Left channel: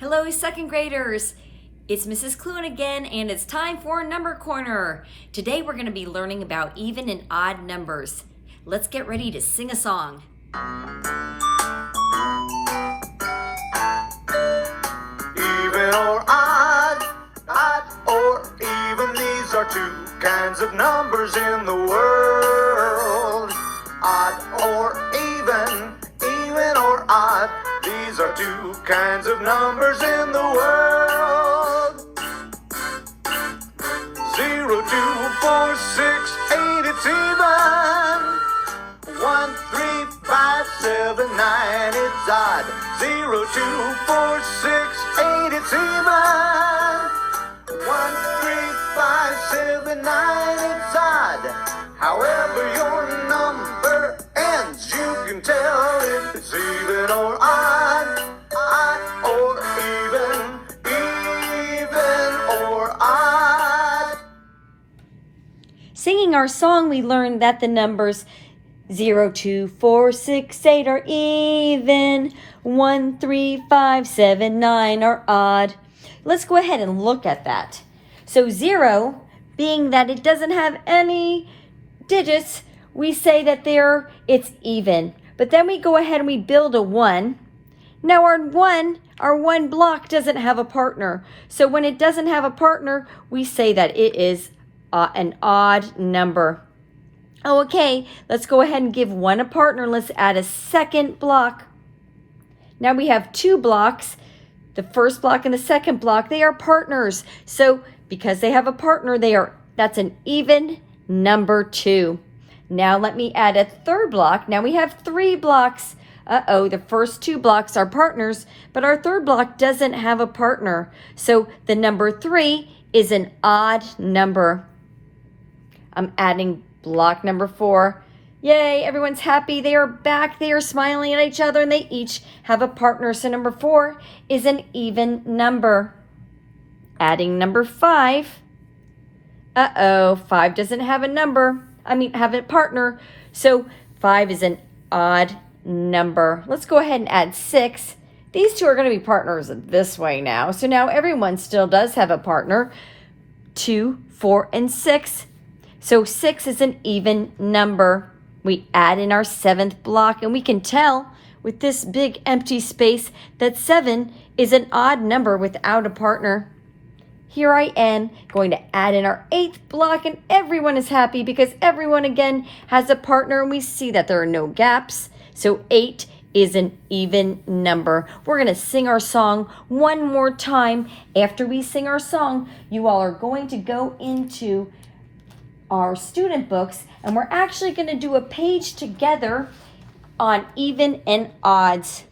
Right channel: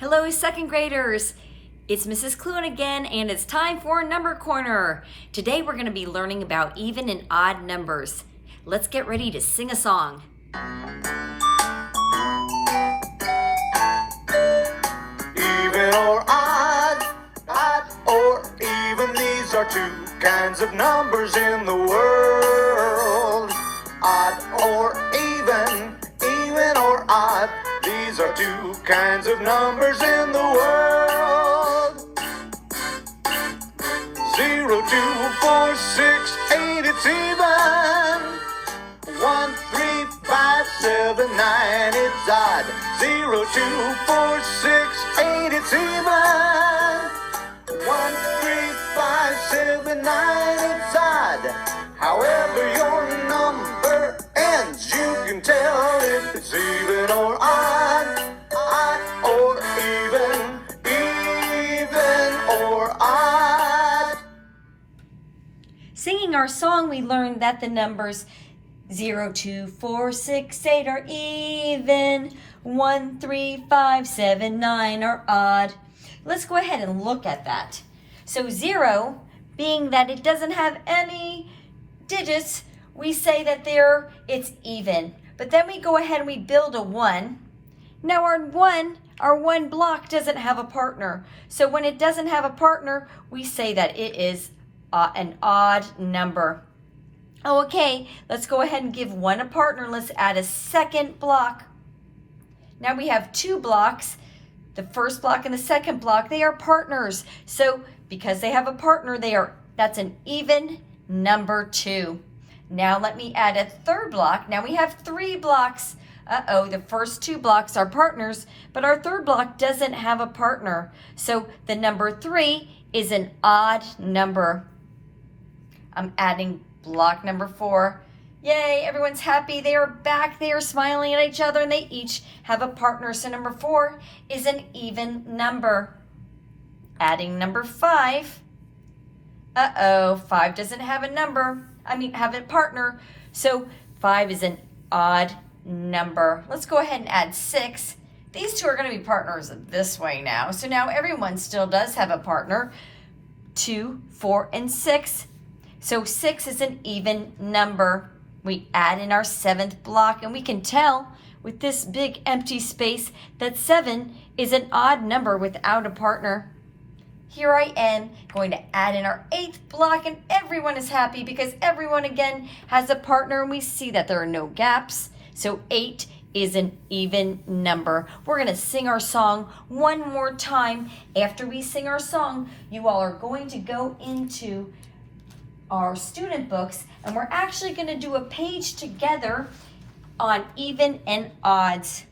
Hello, second graders. It's Mrs. Clune again, and it's time for Number Corner. Today we're going to be learning about even and odd numbers. Let's get ready to sing a song. Even or odd or even, these are two kinds of numbers in the world. Odd or even or odd, these are two kinds of numbers in the world. 0, 2, 4, 6, 8, it's even. 1, 3, 5, 7, 9, it's odd. 0, 2, 4, 6, 8, it's even. 1, 3, 5, 7, 9, it's odd. However your number ends, you can tell if it's even or odd or even or odd. Singing our song, we learned that the numbers 0, 2, 4, 6, 8 are even. 1, 3, 5, 7, 9 are odd. Let's go ahead and look at that. So 0, being that it doesn't have any digits, we say that it's even. But then we go ahead and we build a 1. Now our one block doesn't have a partner. So when it doesn't have a partner, we say that it is an odd number. Oh, okay, let's go ahead and give 1 a partner. Let's add a second block. Now we have 2 blocks. The first block and the second block, they are partners. So because they have a partner, that's an even number 2. Now let me add a third block. Now we have 3 blocks. The first 2 blocks are partners, but our third block doesn't have a partner. So the number 3 is an odd number. I'm adding block number 4. Yay, everyone's happy. They are back. They are smiling at each other and they each have a partner. So number 4 is an even number. Adding number 5. 5 doesn't have have a partner. So 5 is an odd number. Let's go ahead and add 6. These two are going to be partners this way now. So now everyone still does have a partner. 2, 4, and 6. So 6 is an even number. We add in our 7th block, and we can tell with this big empty space that 7 is an odd number without a partner. Here I am going to add in our 8th block, and everyone is happy because everyone again has a partner, and we see that there are no gaps. So 8 is an even number. We're going to sing our song one more time. After we sing our song, you all are going to go into our student books, and we're actually going to do a page together on even and odds.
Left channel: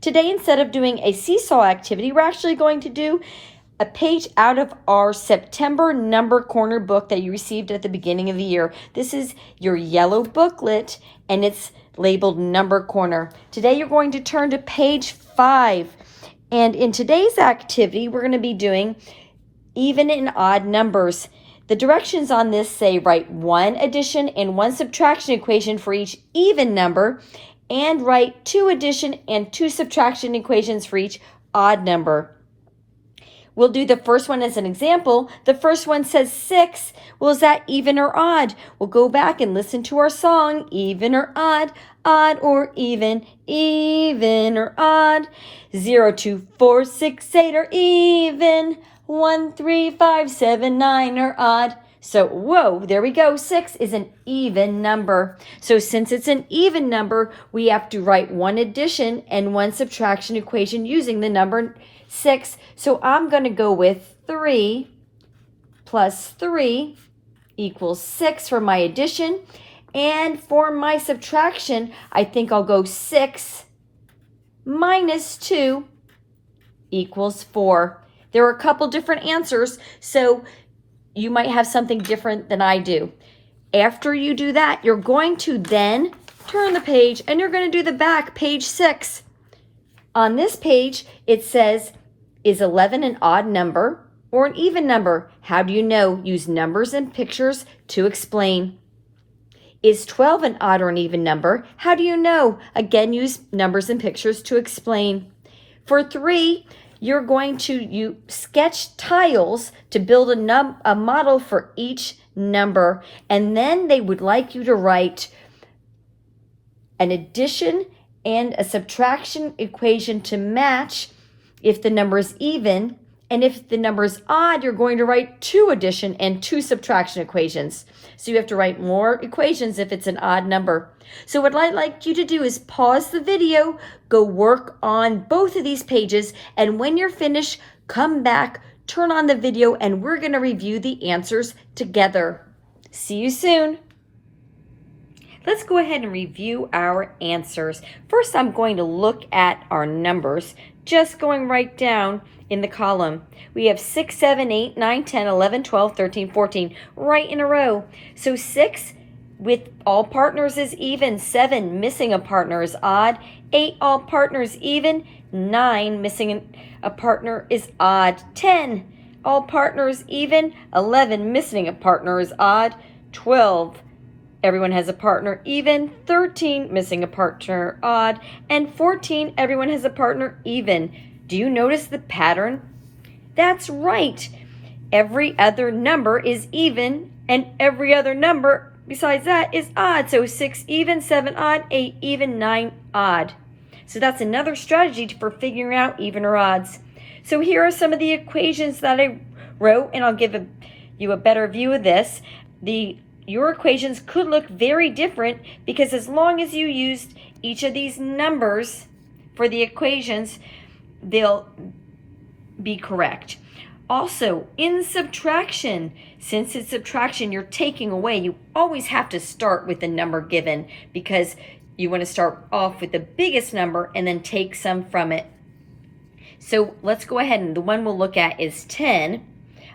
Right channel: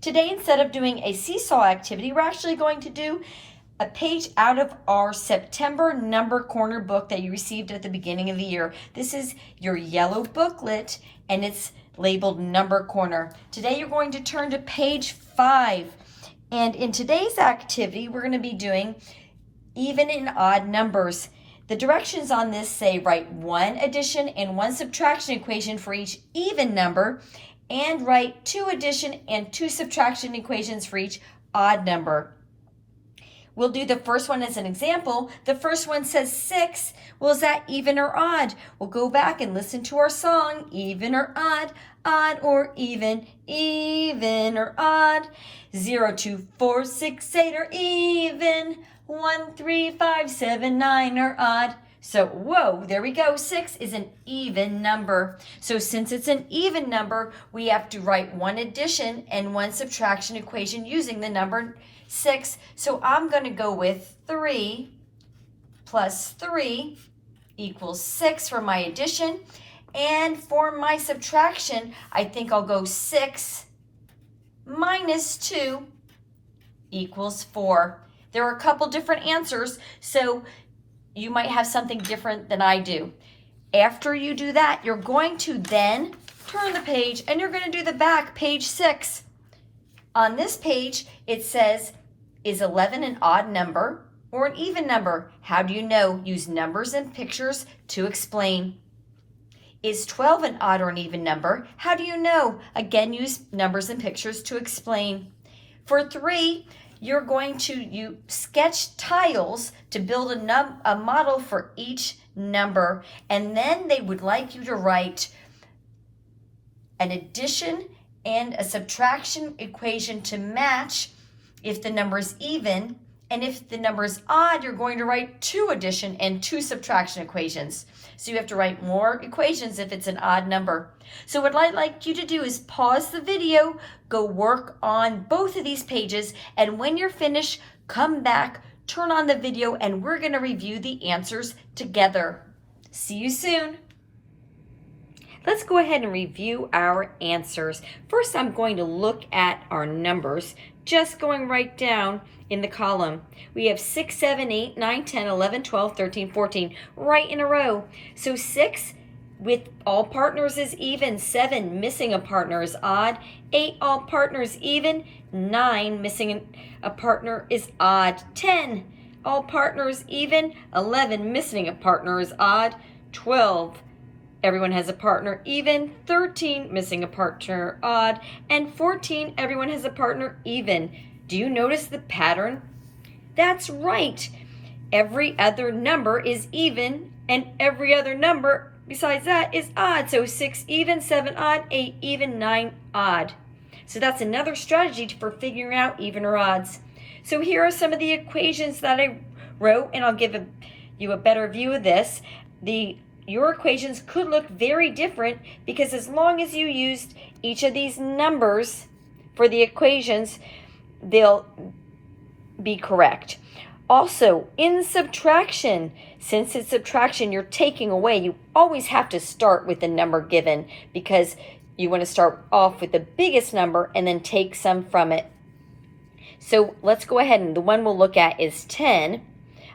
Today, instead of doing a seesaw activity, we're actually going to do a page out of our September Number Corner book that you received at the beginning of the year. This is your yellow booklet, and it's labeled Number Corner. Today, you're going to turn to page 5. And in today's activity, we're going to be doing even and odd numbers. The directions on this say write 1 addition and 1 subtraction equation for each even number, and write 2 addition and 2 subtraction equations for each odd number. We'll do the first one as an example. The first one says 6. Well, is that even or odd? We'll go back and listen to our song, even or odd or even or odd. 0, 2, 4, 6, 8 are even. 1, 3, 5, 7, 9 are odd. So, whoa, there we go. 6 is an even number. So since it's an even number, we have to write 1 addition and 1 subtraction equation using the number 6. So I'm going to go with 3 plus 3 equals 6 for my addition. And for my subtraction, I think I'll go 6 minus 2 equals 4. There are a couple different answers, so you might have something different than I do. After you do that, you're going to then turn the page and you're going to do the back, page 6. On this page, it says, is 11 an odd number or an even number? How do you know? Use numbers and pictures to explain. Is 12 an odd or an even number? How do you know? Again, use numbers and pictures to explain. For 3, you're going to sketch tiles to build a model for each number, and then they would like you to write an addition and a subtraction equation to match if the number is even, and if the number is odd, you're going to write 2 addition and 2 subtraction equations. So you have to write more equations if it's an odd number. So what I'd like you to do is pause the video, go work on both of these pages, and when you're finished, come back, turn on the video, and we're going to review the answers together. See you soon. Let's go ahead and review our answers. First, I'm going to look at our numbers, just going right down in the column. We have 6, 7, 8, 9, 10, 11, 12, 13, 14, right in a row. So 6 with all partners is even, 7 missing a partner is odd, 8 all partners even, 9 missing a partner is odd, 10 all partners even, 11 missing a partner is odd, 12 everyone has a partner even, 13 missing a partner odd, and 14 everyone has a partner even. Do you notice the pattern? That's right. Every other number is even, and every other number besides that is odd. So 6 even, 7 odd, 8 even, 9 odd. So that's another strategy for figuring out even or odds. So here are some of the equations that I wrote, and I'll give you a better view of this. Your equations could look very different because as long as you used each of these numbers for the equations, they'll be correct. Also, in subtraction, since it's subtraction, you're taking away. You always have to start with the number given because you want to start off with the biggest number and then take some from it. So let's go ahead, and the one we'll look at is 10.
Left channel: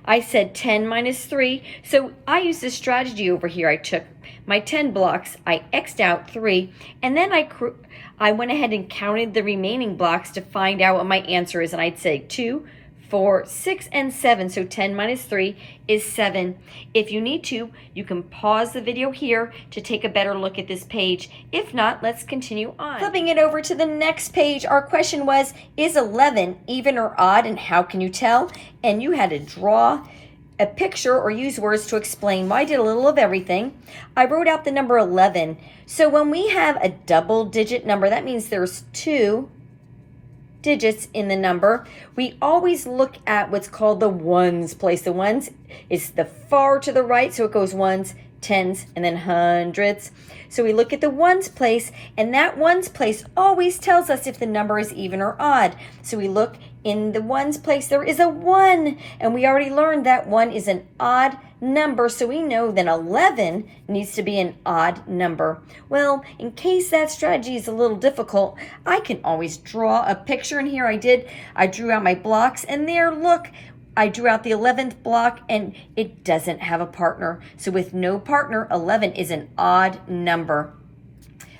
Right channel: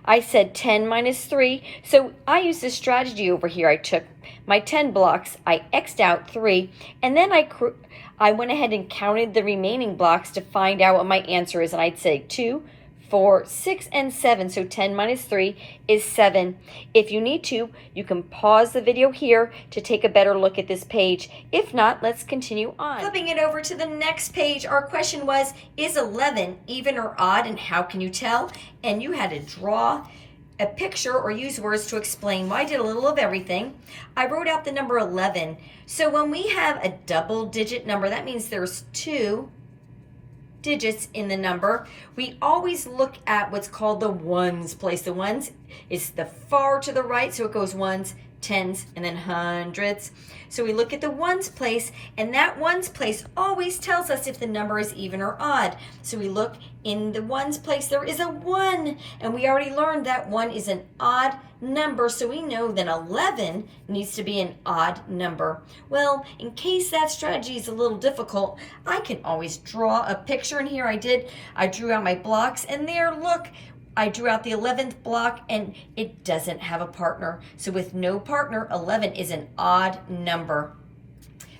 I said 10 minus 3, so I used this strategy over here. I took my 10 blocks, I X'd out 3, and then I went ahead and counted the remaining blocks to find out what my answer is, and I'd say 2, 4, 6, and 7, so 10 minus 3 is 7. If you need to, you can pause the video here to take a better look at this page. If not, let's continue on. Flipping it over to the next page, our question was, is 11 even or odd, and how can you tell? And you had to draw a picture or use words to explain. Well, I did a little of everything. I wrote out the number 11. So when we have a double-digit number, that means there's 2 digits in the number. We always look at what's called the ones place. The ones is the far to the right, so it goes ones, tens, and then hundreds. So we look at the ones place, and that ones place always tells us if the number is even or odd. So we look in the ones place, there is a 1, and we already learned that 1 is an odd number, so we know that 11 needs to be an odd number. Well, in case that strategy is a little difficult, I can always draw a picture, and here I drew out my blocks, and there, look, I drew out the 11th block, and it doesn't have a partner. So with no partner, 11 is an odd number.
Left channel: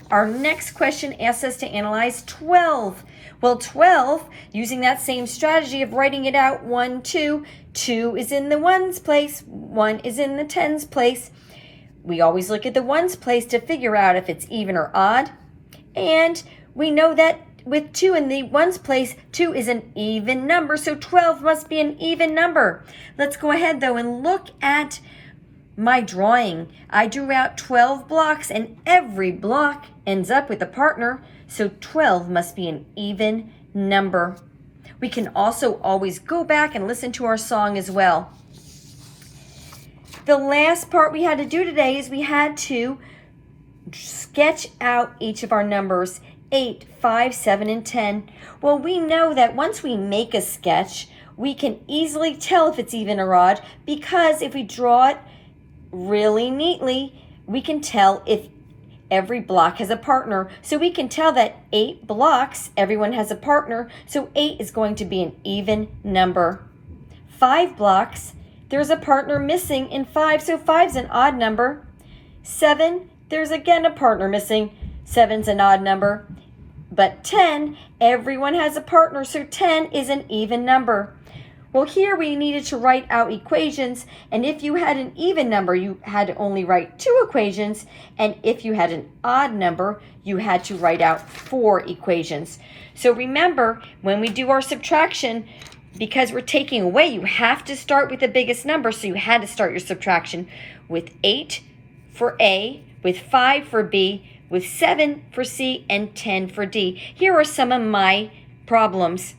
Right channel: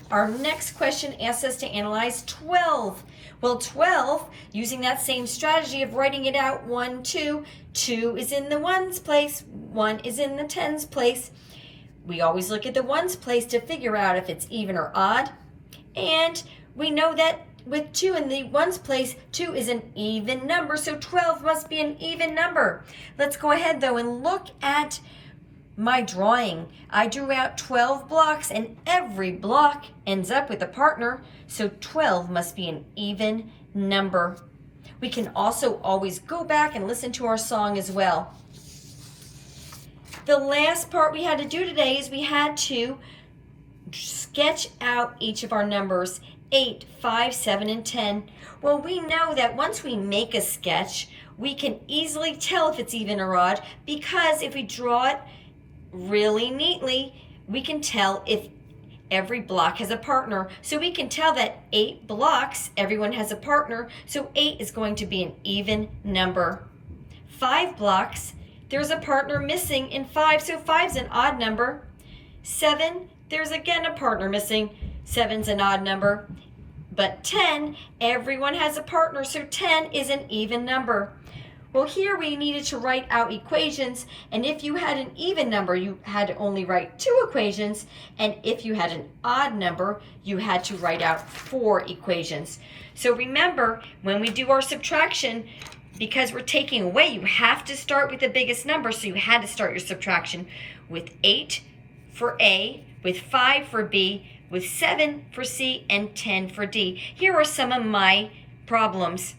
Our next question asks us to analyze 12. Well, 12, using that same strategy of writing it out, 1, 2, 2 is in the ones place, 1 is in the tens place. We always look at the ones place to figure out if it's even or odd. And we know that with 2 in the ones place, 2 is an even number, so 12 must be an even number. Let's go ahead, though, and look at my drawing. I drew out 12 blocks, and every block ends up with a partner, so 12 must be an even number. We can also always go back and listen to our song as well. The last part we had to do today is we had to sketch out each of our numbers, 8, 5, 7, and 10. Well, we know that once we make a sketch, we can easily tell if it's even or odd, because if we draw it really neatly, we can tell if every block has a partner. So we can tell that 8 blocks, everyone has a partner, so 8 is going to be an even number. 5 blocks, there's a partner missing in 5, so 5's an odd number. 7, there's again a partner missing, 7's an odd number. But 10, everyone has a partner, so 10 is an even number. Well, here we needed to write out equations, and if you had an even number, you had to only write 2 equations, and if you had an odd number, you had to write out 4 equations. So remember, when we do our subtraction, because we're taking away, you have to start with the biggest number, so you had to start your subtraction with 8 for A, with 5 for B, with 7 for C, and 10 for D. Here are some of my problems.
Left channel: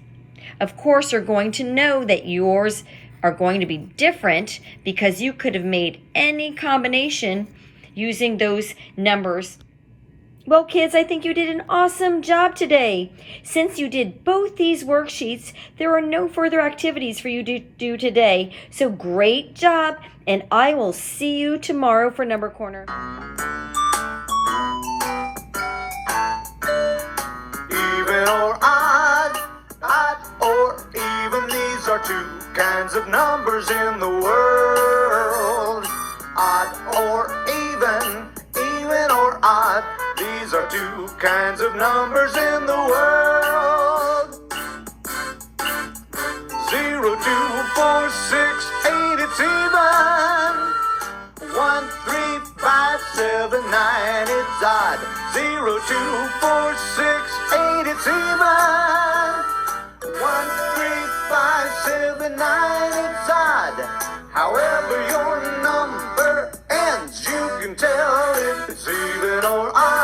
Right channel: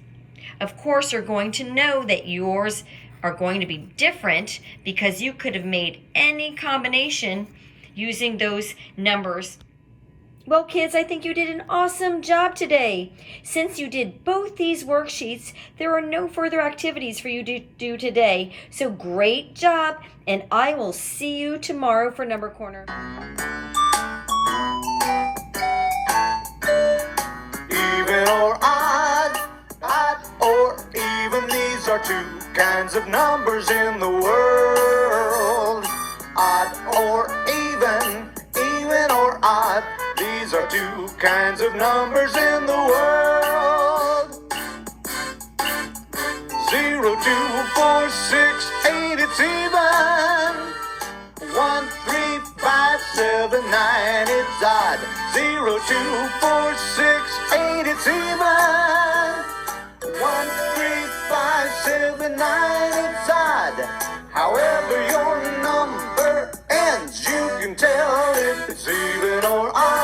Of course, you're going to know that yours are going to be different because you could have made any combination using those numbers. Well, kids, I think you did an awesome job today. Since you did both these worksheets, there are no further activities for you to do today. So great job, and I will see you tomorrow for Number Corner. Even or odd or even, these are 2 kinds of numbers in the world. Odd or even or odd, these are 2 kinds of numbers in the world. 0, 2, 4, 6, 8, it's even. 1, 3, 5, 7, 9, it's odd. 0, 2, 4, 6, 8, it's even. 1, 3, 5, 7, 9, it's odd. However your number ends, you can tell if it's even or odd.